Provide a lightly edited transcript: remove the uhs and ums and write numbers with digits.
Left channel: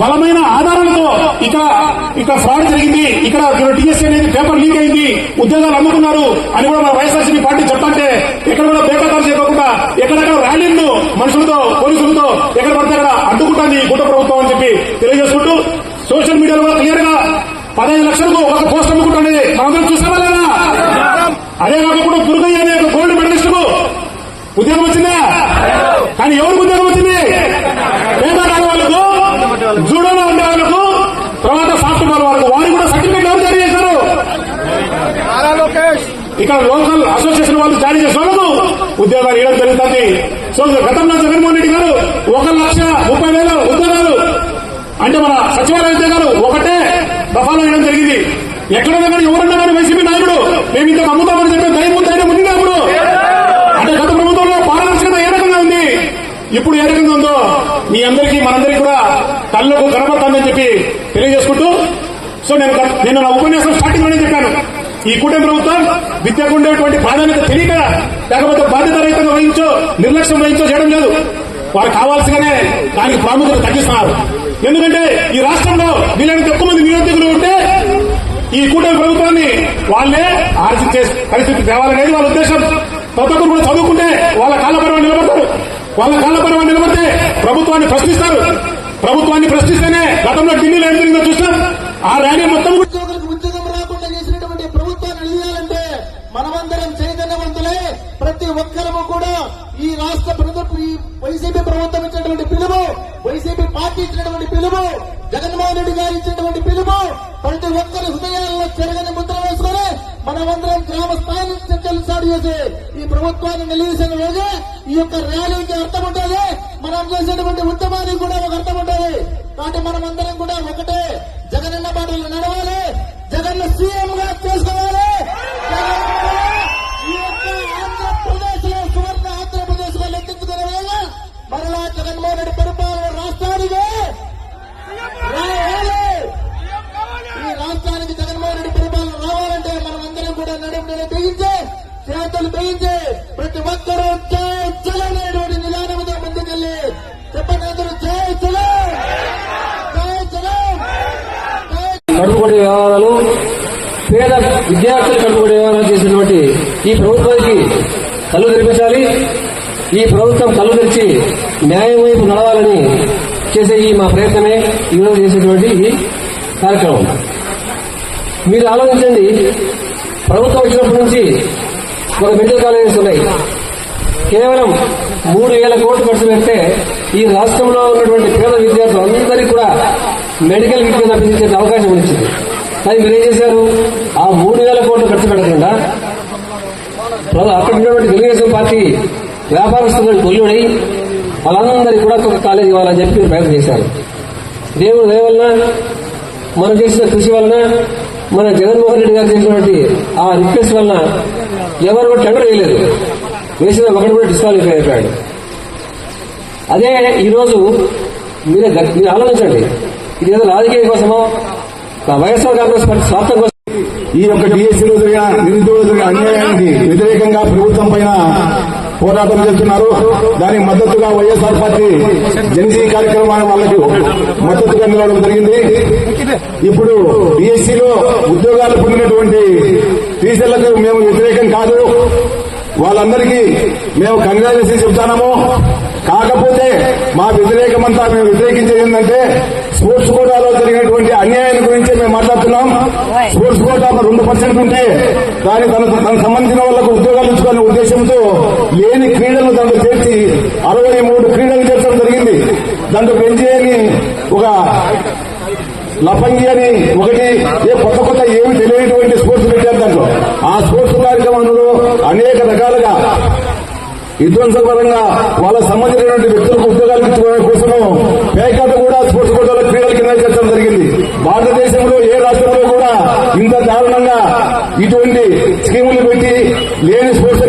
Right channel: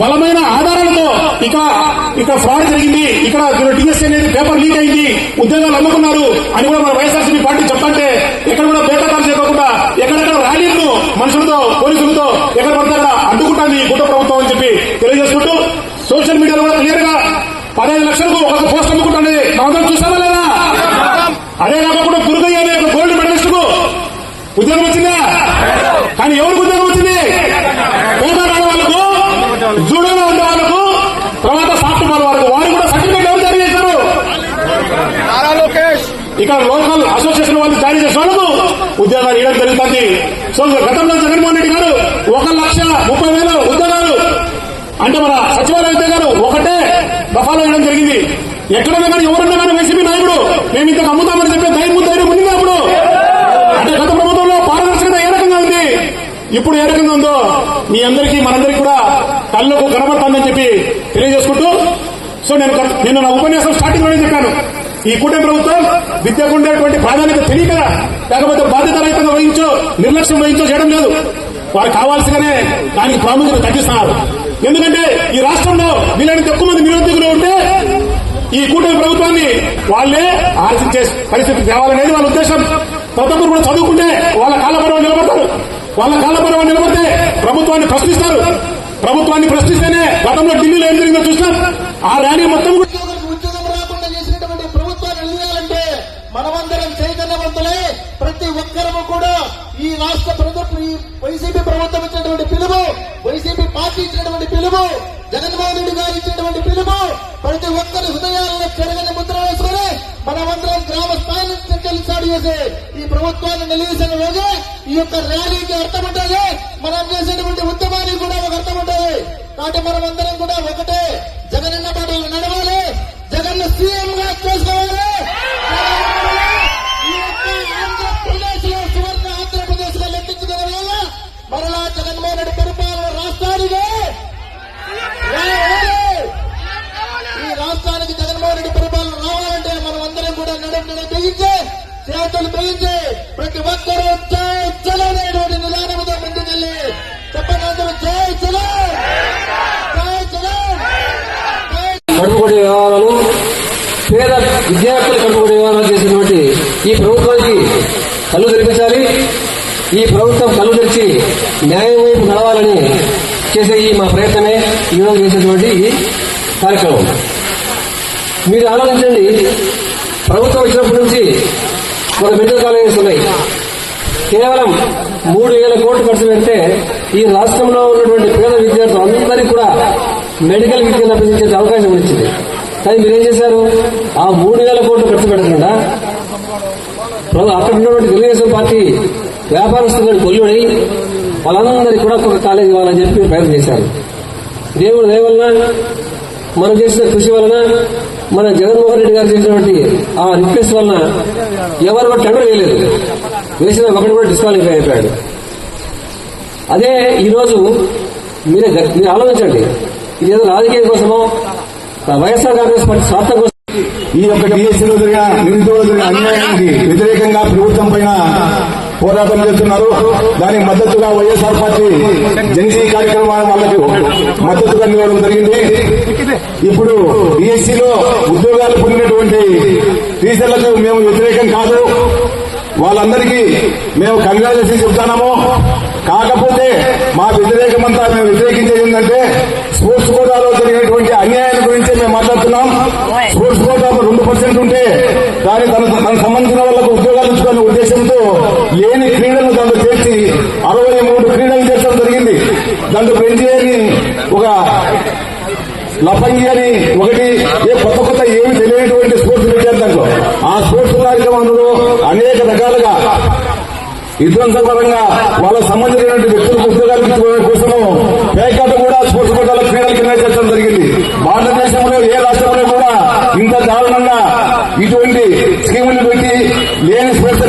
బలమైన ఆధారాలతో ఇక్కడ ఫ్రాడ్ జరిగింది, ఇక్కడ టీఎస్సీ అనేది పేపర్ లీక్ అయింది, ఉద్యోగాలు అందుకున్నారు అని కూడా మన వైఎస్ఆర్సీపీ పార్టీ చెప్పంటే ఎక్కడ కూడా బేకారు చేయకుండా ఎక్కడెక్కడ ర్యాలీలు మనుషులతో పోలీసులతో ఎక్కడ పడితే అక్కడ అడ్డుకుంటుంది గుట్ట ప్రభుత్వం అని చెప్పి తెలియజేసుకుంటూ సోషల్ మీడియాలో క్లియర్ గా 15 లక్షలకు ఒక పోస్ట్ అమ్ముకుంటుంది మనం చూసామా లేదా? అదే కాకుండా గురుగు అనే గోల్డ్ మెడలిస్ట్ కు ఉద్యోగం వచ్చిందా? కానీ ఎవరికి ఉద్యోగం వచ్చింది? పేపర్ వాళ్ళకు, జూడోలో ఉండే వాళ్ళకు, తర్వాత సాఫ్ట్వేర్ వాళ్ళకు, వారికి కూడా సర్టిఫికేట్ ఎవరు జారీ చేశారు? ఇక్కడ లోకల్ అసోసియేషన్ వాళ్ళు జారీ చేసిన వాళ్ళకు ఉద్యోగాలు ఇవ్వడం జరుగుతుంది. సో గతంలో జగన్మోహన్ రెడ్డి గారు 1,30,000 ఉద్యోగాలు అంటే మన సచివాలయ ఉద్యోగాలు ఒకటే దఫాలో ఇవ్వడం జరిగింది. ఎక్కడైనా కానీ ఎవరన్నా కానీ వైసీపీ నాయకుడు మేము ఇంత నమ్ముతామని చెప్పే ధైర్యం ఉంది అప్పుడు. అంటే గత ప్రభుత్వంలో పారదర్శకత ఏ రకంగా ఉంది, ఇప్పుడు ఏ రకంగా ఉందో మీ అందరికీ మనందరికీ కూడా కళ్ళకు కనబడుతుందని చెప్పి తెలియజేసుకుంటూ, సో నేను నా ఉపన్యాసం స్టార్టింగ్ లోనే చెప్పాను, ఈ కూటమి ప్రభుత్వం విద్యకు ఉండేటువంటి ప్రాధాన్యత తెలియక లేకపోతే బాధ్యతారహితంగా వహించో నిర్లక్ష్యం వహించో చేయడం లేదు. వారు కావాల్సిగానే దానికి ప్రాముఖ్యత తగ్గిస్తున్నారు. ఎందుకంటే ఈ రాష్ట్రంలో వీళ్ళని ఎక్కువ మంది నిరుద్యోగులు ఉంటే ఈ కూటమి ప్రభుత్వాన్ని వాళ్లే ఆర్జించే పరిస్థితి తేవాలనేది వాళ్ళ ఉద్దేశం. తదుపరి కూడా చదువుకుంటే వాళ్ళ కాలపరమైన నిలబడతారు. వాళ్ళ కాలపరమైన నిలబడితే ప్రభుత్వాన్ని ప్రశ్నిస్తారు. ప్రభుత్వాన్ని ప్రశ్నిస్తేనే గతంలో ఢిల్లీలో ఏం జరిగిందో చూస్తాం. ఆ ర్యాలీ మొత్తం ఉద్యోగం రాకుండా చేసినటువంటి ప్రభుత్వాన్ని నిలవాలంటే మనమందరం చైతన్యవంతులే. ప్రతి ఒక్కరము కూడా ఈ రాష్ట్ర ప్రభుత్వం, ఈ వైసీపీ ప్రభుత్వం ఇచ్చినటువంటి పిలుపు, వైసీపీ పార్టీ ఇచ్చినటువంటి పిలుపు, జగన్మోహన్ రెడ్డి గారు ఇచ్చినటువంటి పిలుపు ప్రతి ఒక్కరి హృదయాల్లో చెరగని ముద్ర వేసుకొని మనమందరం గ్రామ స్థాయి నుంచి స్టార్ట్ చేసి ఈ ప్రభుత్వాన్ని నిలవేసిన రోజు ఈ యొక్క ర్యాలీకి అర్థం ఉంటుంది. మనం చేసేటువంటి ఉద్యమానికి కూడా ఒక అర్థం ఉంటుంది. కాబట్టి మనమందరం కూడా ఒకటే జగనన్న బాటలు నడవాలి, జగన్ సీఎం గా చేసుకోవాలి. ఈ యొక్క ఆంధ్రప్రదేశ్ లో సువర్ణ ఆంధ్రప్రదేశ్ గా లెక్కించుకోవాలి. మరలా జగన్మోహన్ రెడ్డి పరిపాలన రాష్ట్రానికి ఈ రాష్ట్రానికి జగన్మోహన్ రెడ్డి పరిపాలన రావాలంటే మనం అందరం కూడా నడుము తెగించి చేతులు తెగించి ప్రతి ఒక్కరూ జై చలనేటువంటి నిదానముగా ముందుకెళ్ళి చెప్పండి అందరూ జై చలో, జై చలో. కట్టుబడి వ్యవహారాలు, పేద విద్యార్థులు కట్టుబడి వ్యవహారాలు చేసినటువంటి ఈ ప్రభుత్వానికి కళ్ళు తెరిపించాలి. ఈ ప్రభుత్వం కళ్ళు తెరిచి న్యాయం వైపు నడవాలని చేసే ఈ మా ప్రయత్నమే ఈరోజు చేసేటువంటి కార్యక్రమం. మీరు ఆలోచించండి, ప్రభుత్వం వచ్చినప్పటి నుంచి మన మెడికల్ కాలేజెస్ ఉన్నాయి. కేవలం 3,000 కోట్లు ఖర్చు పెడితే ఈ రాష్ట్రంలో ఉన్నటువంటి పేద విద్యార్థులందరికీ కూడా మెడికల్ విద్యను అభ్యసించే అవకాశం వచ్చింది. కానీ మీరేం చేశారు? ఆ 3,000 కోట్లు ఖర్చు పెట్టకుండా అక్కడ ఉన్నటువంటి తెలుగుదేశం పార్టీ వ్యాపారస్తులను కొల్లుడి వాళ్ళందరికీ కూడా ఒక కాలేజ్ ఇవ్వాలని చెప్పి ప్రయత్నం చేశారు. దేవుడు దేవల్ల మనం చేసిన కృషి వలన, మన జగన్మోహన్ రెడ్డి గారు చేసినటువంటి ఆ రిక్వెస్ట్ వలన ఎవరు కూడా టెండర్ వేయలేదు. వేసిన ఒకటి కూడా డిస్క్వాలిఫై అయిపోయాడు. అదే ఈరోజు మీరు ఆలోచించండి, ఇది ఏదో రాజకీయం కోసమో వైఎస్ఆర్ కాంగ్రెస్ పార్టీ స్వార్థం కోసం ఈ యొక్క డిఎస్సీలో నిరుద్యోగుల అన్యాయానికి వ్యతిరేకంగా ప్రభుత్వం పైన పోరాటం చేస్తున్నారు. దానికి మద్దతుగా వైఎస్ఆర్ పార్టీ జనసేన కార్యక్రమాల వాళ్లకు మద్దతుగా నిలవడం జరిగింది. ఇప్పుడు డిఎస్సీలో ఉద్యోగాలు పొందినటువంటి టీచర్లకు మేము వ్యతిరేకం కాదు, వాళ్ళందరికీ మేము కంగ్రాచులేషన్ చెప్తాము. కాకపోతే మా వ్యతిరేకమంతా మేము వ్యతిరేకించేది ఏంటంటే స్పోర్ట్స్ కోటాలో జరిగినటువంటి అన్యాయం గురించి మేము మాట్లాడుతున్నాం. స్పోర్ట్స్ కోటా 2% ఉంటే దాని తనకు సంబంధించిన వాళ్లకు ఉద్యోగాలు ఇచ్చుకునే ఉద్దేశంతో లేని క్రీడలు దాంట్లో చేర్చి 63 క్రీడలు చేర్చడం జరిగింది. దాంట్లో పెంచేయని ఒక లఫంగి అని ఒకటి కొత్త ఏమి తెలియనటువంటి స్పోర్ట్స్ పెట్టారు. దాంట్లో ఆ స్పోర్ట్స్ కార్యక్రమంలో అనేక రకాలుగా విధ్వంసపరంగా వాళ్ళకు సంబంధించినటువంటి వ్యక్తులకు ఉద్యోగాలు ఇచ్చుకోవడం కోసము పేకాట కూడా స్పోర్ట్స్ కోటాల క్రీడలు కింద చేర్చడం జరిగింది. భారతదేశంలో ఏ రాష్ట్రంలో కూడా ఇంత దారుణంగా ఇటువంటి స్కీములు పెట్టి లేని స్పోర్ట్స్